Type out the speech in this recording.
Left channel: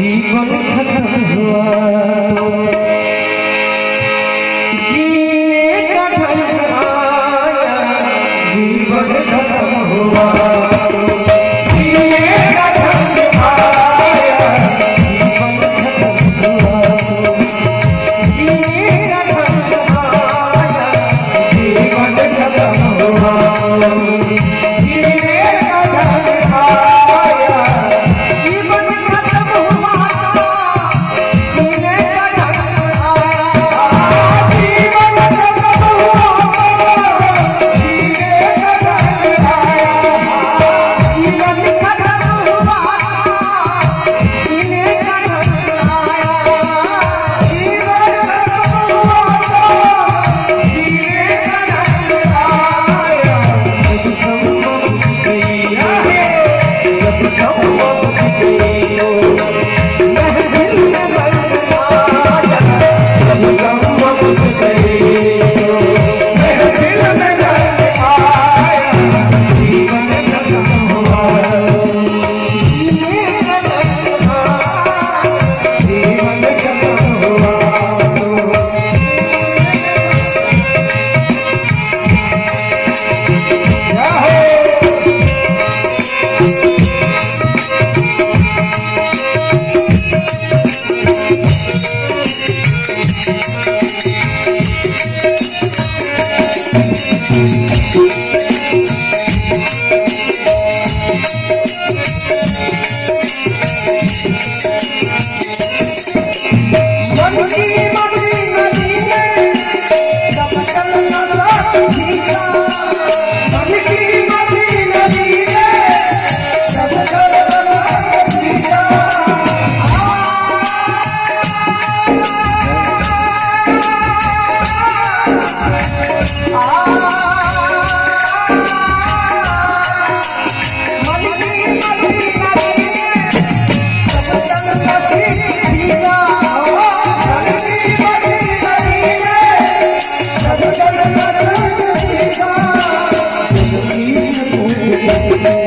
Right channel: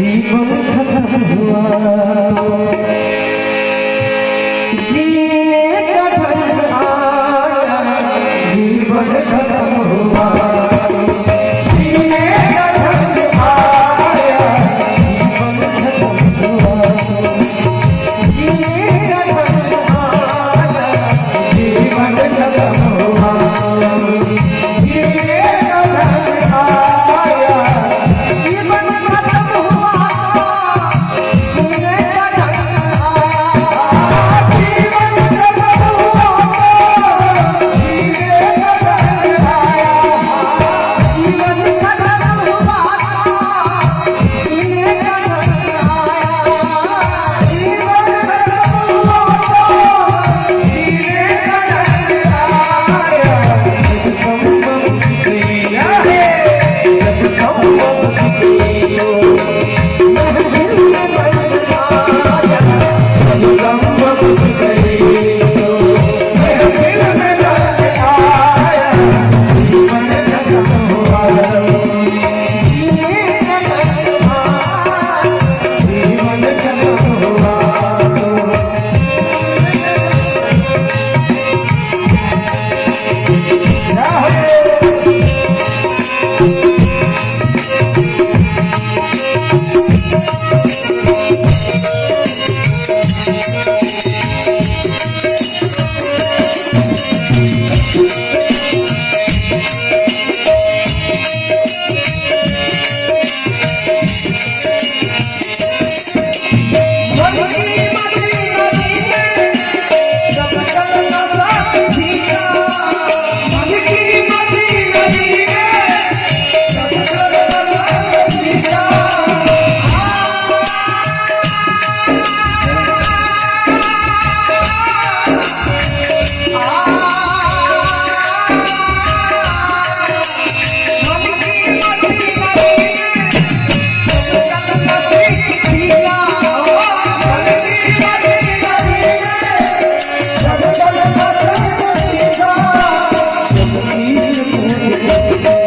जीवन खत्म हुआ जीने का ढंग आया, जीवन खत्म हुआ जीने का ढंग आया, जीवन खत्म हुआ जीने का ढंग आया, जीवन खत्म हुआ जीने का ढंग आया, जीवन खत्म हुआ जीने का ढंग आया, जीवन खत्म हुआ जीने का ढंग आया, जीवन खत्म हुआ जीने का ढंग आया, जीवन खत्म हुआ जीने का ढंग आया। जब संभव किया है, जब संभव किया महफिल में बन आया, जब संभव किया महफिल में बन आया, जीवन खत्म हुआ जीने का ढंग आया, जीवन खत्म हुआ क्या है Thank you.